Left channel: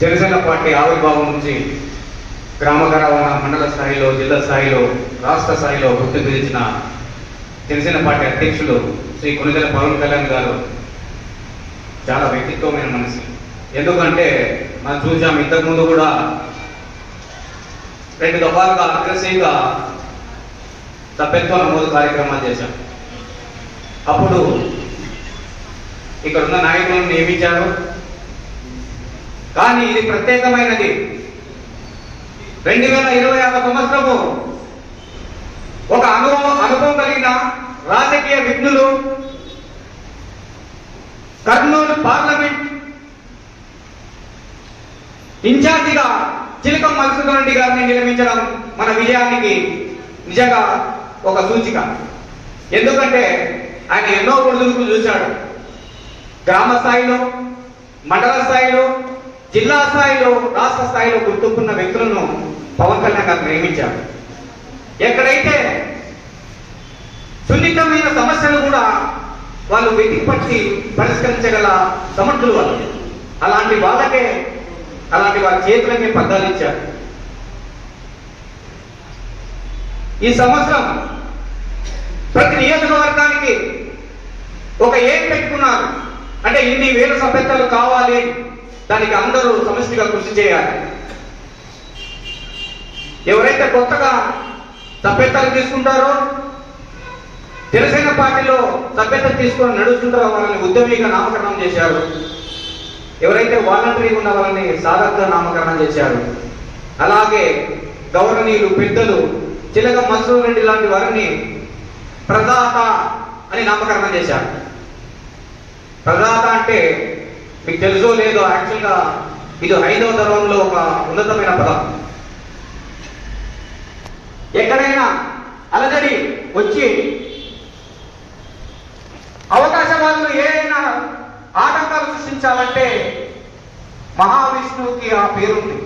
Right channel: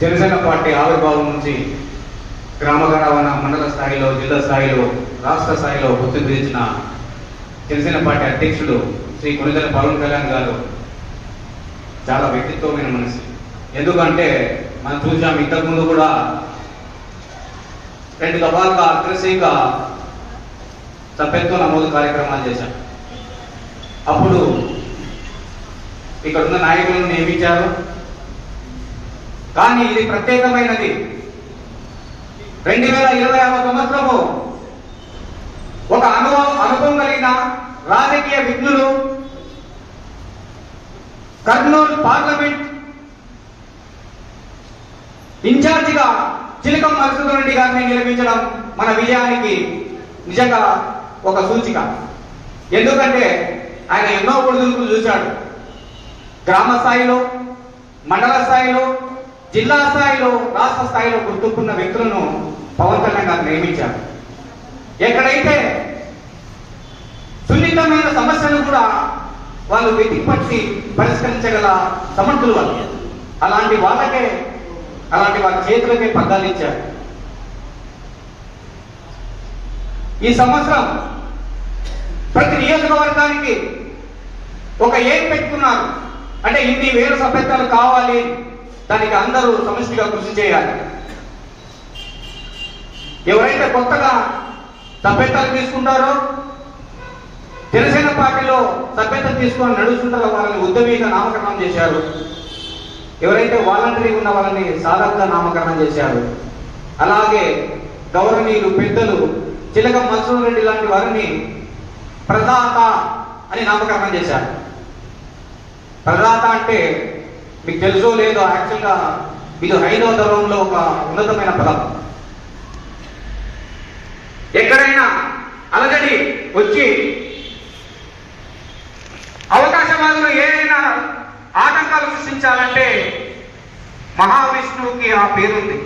Janasena party ఆవిర్భావం నుంచి గ్రామ రవాణా మండల స్థాయిలో, జిల్లా స్థాయిలో, రాష్ట్ర స్థాయిలో గుర్తింపు తెచ్చిన జనసేన పార్టీ అధ్యక్షులు శ్రీ కొణిదెల పవన్ కళ్యాణ్ గారు చాలా వ్యక్తిత్వమైన మనిషి. ఎందుకంటే మనం చూసాం, ఇంతకుముందు కూడా 2 దఫాలుగా అగ్రెసివ్గా సభ్యత్వ నమోదు కార్యక్రమాలు చేశాం. అప్పుడు ఇక్కడ ఉన్న నాయకులను నియమించారు. కానీ ఇది ప్రత్యేకమైనది. 2026 సంవత్సరము ఒక అనుభవం కలిగిన రాజకీయ విజ్ఞులు కర్నూలు పార్లమెంట్ ఇన్ఛార్జిగా చిలకం మధుసూదన్ రెడ్డి గారిని నియమించడం మన విజయానికి నిజంగా ఒక సూచిక. ఎందుకంటే ఆయన ఎన్నో ఒడిదుడుకులు చూశాడు. గ్రామ స్థాయిలో, మండల స్థాయిలో, జిల్లా స్థాయిలో, రాష్ట్ర స్థాయిలో గుర్తుకున్న వ్యక్తులను పవన్ కళ్యాణ్ గారు నియమించారు. ఎక్కడైతే సున్నితమైన సమస్యలు కూడా వాళ్ళు వెతికి పట్టి పరిష్కరించగల సమర్థులు వాళ్ళు. అలాంటి వారి చేతులకే పగ్గాలు ఇచ్చారు. ఈ సంవత్సరం ప్రతి నియోజకవర్గానికి ఒక ఏం పెట్టుకున్నారు అంటే ఇన్ని వేల సభ్యత్వాలు కావాలి, దానికి అందరూ సమష్టిగా కృషి చేయాలి. ఎవరైతే కొత్తగా సభ్యత్వాలు తీసుకుంటారో, జనసేన పార్టీలో సభ్యత్వం తీసుకొని నడుస్తుంటారో వాళ్ళని ఉద్యమిగా నామకరణం చేశారు. ఎవరైతే వాలంటరీగా ఉన్న వాళ్ళని సాధకగా నామకరణం చేశారు. అలాగే గౌరవనీయులు పెద్దలు చిలకం మధుసూదన్ రెడ్డి లాంటి వారిని ప్రదాత అని నామకరణం చేశారు. ప్రదాత అంటే మీకు తెలుసో లేదో, యాక్చువల్గా ఇది 5వ ధర్మంలో ఒక ఉన్నతమైన పదం. ఎక్కడైనా అలజడి వచ్చి అవకాశవాదులు ఏదైనా ఆటంకాలు సృష్టించాలంటే మహావిష్ణువుకి ఆ పేరుంది.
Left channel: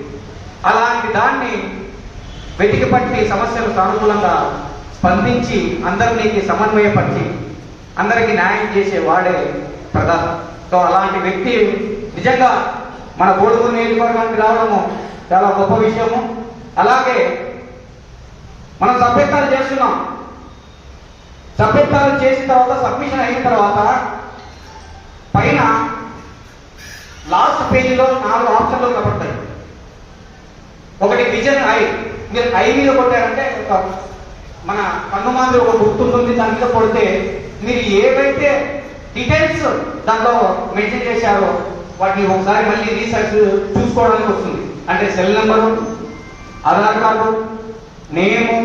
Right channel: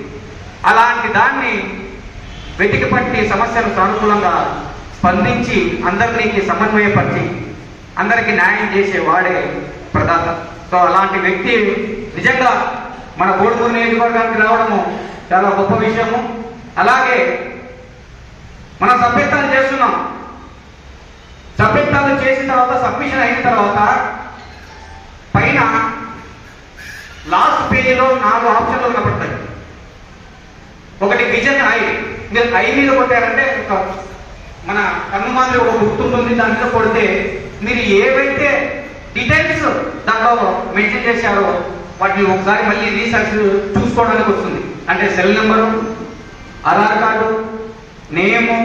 అలాంటి దాన్ని వెతికి పట్టి సమస్యలు సానుకూలంగా స్పందించి అందరినీ సమన్వయపరిచి అందరికీ న్యాయం చేసే వాడే ప్రధాన. సో అలాంటి వ్యక్తి నిజంగా మన కోడుమూరు నియోజకవర్గానికి రావడము చాలా గొప్ప విషయము. అలాగే మనం సభ్యత్వాలు చేస్తున్నాం. సభ్యత్వాలు చేసిన తర్వాత, సబ్మిషన్ అయిన తర్వాత పైన లాస్ట్ పేజీలో 4 ఆప్షన్లు కనపడతాయి. ఒకటి విజన్ ఐ. మీరు ఐ మీద కొట్టారంటే మన కన్నుమాదిరి ఒక గుర్తుంటుంది, దాని మీద కొడితే మీరు ఏవైతే డీటెయిల్స్ దాంట్లో మెన్షన్ చేశారో వాటిని ఒకసారి మళ్ళీ రీసెర్చ్ చూసుకోవడానికి వస్తుంది. అంటే సెల్ నెంబరు, ఆధార్ కార్డు, నేము,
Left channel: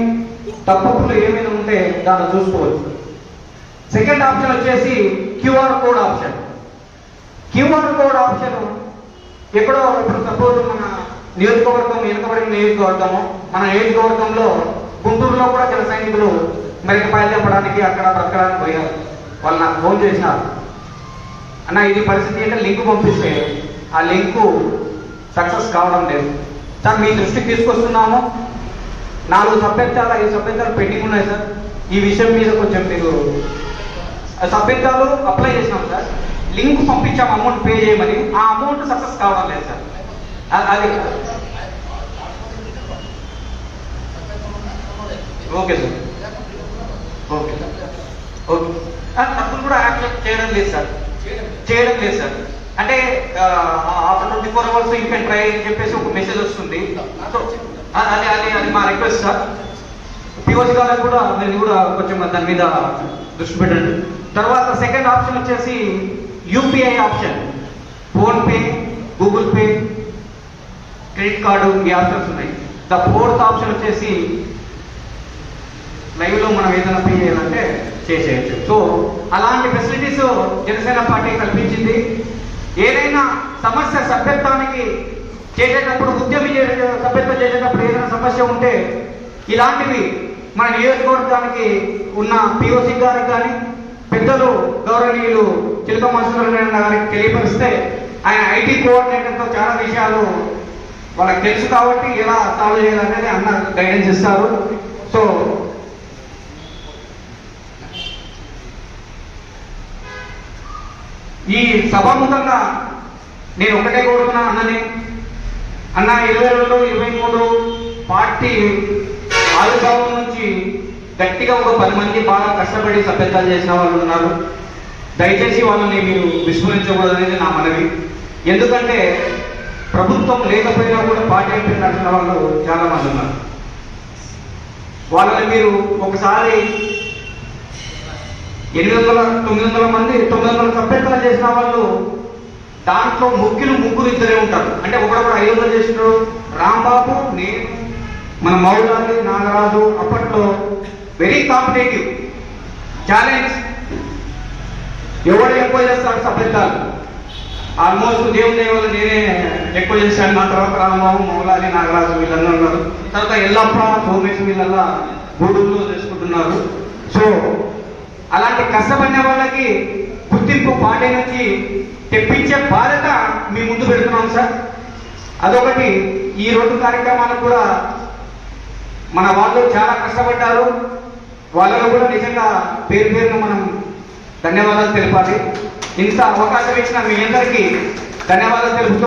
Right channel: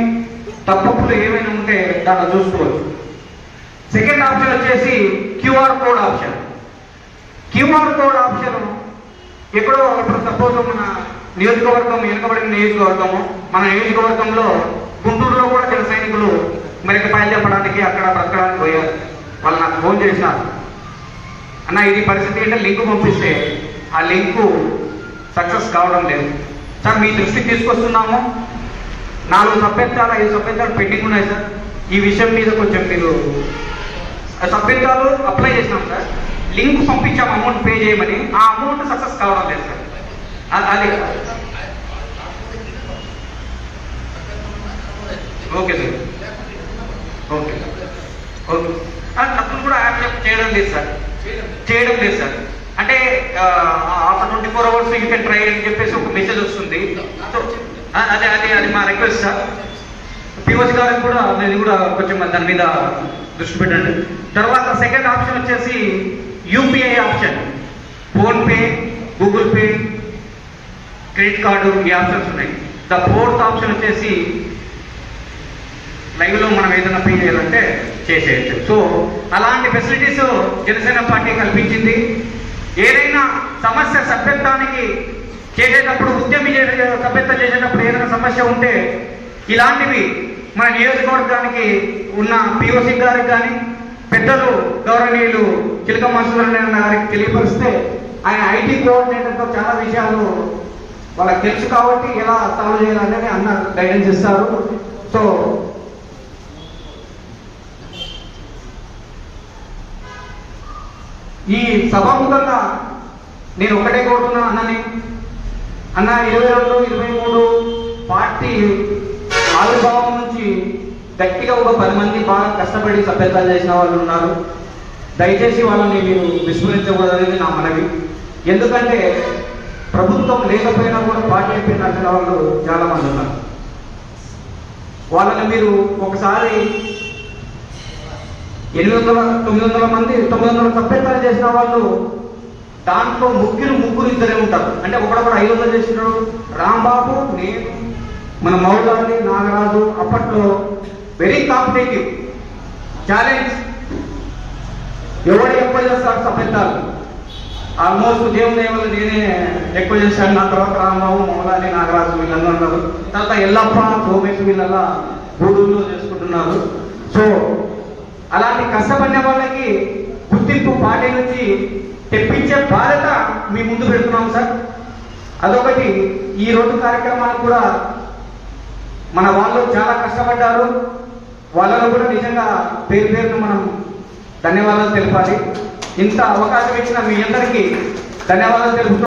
తప్పులు ఏమైనా ఉంటే దాంట్లో చూసుకోవచ్చు. సెకండ్ ఆప్షన్ వచ్చేసి QR code option. QR code option ఎప్పుడో సపోజ్ మన నియోజకవర్గం వెనుకబడిన నియోజకవర్గము, మన నియోజకవర్గంలో గుంటూరులో కూడా జన సైనికులు మెరకపాయలు చెప్పడానికి అక్కడ బ్రతకడానికి పోయారు. వాళ్ళు నాకు ఫోన్ చేసినారు, అన్న ఇది పరిస్థితి అంటే లింక్ పంపిస్తే ఆ లింకు సక్సెస్ కావడం లేదు సార్, మీ దృష్టికి తీసుకొస్తున్నాము. 4 సభ్యత్వాలు 5 సభ్యత్వాలు పెండింగ్ ఉన్నాయి సార్. ఈ విషయం మీద కొంచెం మీరు సభ్యత్వాలు అప్లై చేసినాం సార్, లింక్ పంపించాము అమౌంట్ పే చేయమని, ఆ అమౌంట్ సక్సెస్ కావడం లేదు సార్. అది ఓకే సార్, ఓకే ఓకే. అప్పుడు కూడా యాక్సెప్ట్ చేయడం లేదు సార్, అంటే after 24 hours you can try అని చెప్పేసి ఒక మెసేజ్ వస్తుంది. అది మా రిక్వెస్ట్ సార్. పిఓసి గారికి కూడా మీరు కూడా కొంచెం దాని మీద దృష్టి పెట్టండి. తర్వాత సెకండ్ ఆప్షన్ వచ్చేసి UPI option. PhonePe, Google pay, credit card, ఈ ఆప్షన్స్ ఉన్నాయి. ద 4th ఆప్షన్ వచ్చేసి లైవ్లో మనం ఏదైనా పే చేయాలంటే చేసేయచ్చు. సో అలాంటి ఫెసిలిటీస్ జనసేన పార్టీ కల్పించింది. ఏదైనా సమస్య సభ్యత్వానికి చేసేటప్పుడు, సభ్యత్వం చేసేటప్పుడు ఏదైనా సమస్య ఉంటే ఇలాంటివి మన నియోజకవర్గానికి ఉన్న పిఓసి గారికి కానీ, పెద్దలు గౌరవనీయులు చిలకం మధుసూదన్ రెడ్డి గారికి తెలియపరిస్తే ఆయన ఐటీ కోఆర్డినేటర్తో చాలా విషయాలు వాళ్ళకి తెలుసు కాబట్టి ఎలా సాల్వ్ చేయాలనేది అన్న గైడెన్స్ ఇస్తారు. సో ఈ సభాముఖంగా నేను ఒకటే కోరుతున్నాను అన్నని, అన్న 22, 23 పార్టీ ఆవిర్భావం నుంచి గట్టిగా ఒక 10 మంది బాగా కష్టపడి సభ్యత్వాలు చేసిన వాళ్ళు ఉన్నారు. దయచేసి వాళ్ళని మీరు విస్మరించకూడదు అనేది నా మనవి. ఎందుకంటే ప్రభుత్వం లేకపోయినా కూడా పార్టీ అయిపోయిన వాళ్ళు చాలా మంది ఉన్నారు. వాళ్ళని మీరు ఒకసారి 900 మంది 900 సభ్యత్వాలు చేసిన వాళ్ళు దాంట్లో ముగ్గురు ఇద్దరే ఉంటారు. అంటే ఒకడొకడు 500 చేసినాడు. రాంబాబు, నేను, మన మౌలాలి, నాగరాజు అప్పట్లో వెరీ కాంపిటేటివ్ ఛాలెంజ్. ఎవరు ఎక్కువ చేస్తారు సభ్యత్వాలు? ఆల్మోస్ట్ దేవుని వల్ల నేనే ఎక్కువ చేశాను. నా తర్వాత రాంబాబు, మౌలాలి, నాగరాజు వీళ్ళందరూ ఉన్నారు. తర్వాత ఎల్లప్ప, సోమేష్ వీళ్ళల్లా గూడూరులో చేసుకుంటున్నారు. సో అలాంటి కష్టపడిన వాళ్ళకి గుర్తింపు పార్టీ నుంచి తెప్పించే బాధ్యత మీ ముందు పెడుతున్నాం సార్. అదొకటి. ఈ 2 కార్యక్రమాలకు కూడా మన వాళ్ళు చాలా కష్టపడ్డారు. వాళ్ళలో కూడా నిజంగా పేరును మనం ధన్యవాదాలు తెలపాలి. ఇంత అవకాశం ఇచ్చిన మీ అందరికీ ధన్యవాదాలు తెలుపుతూ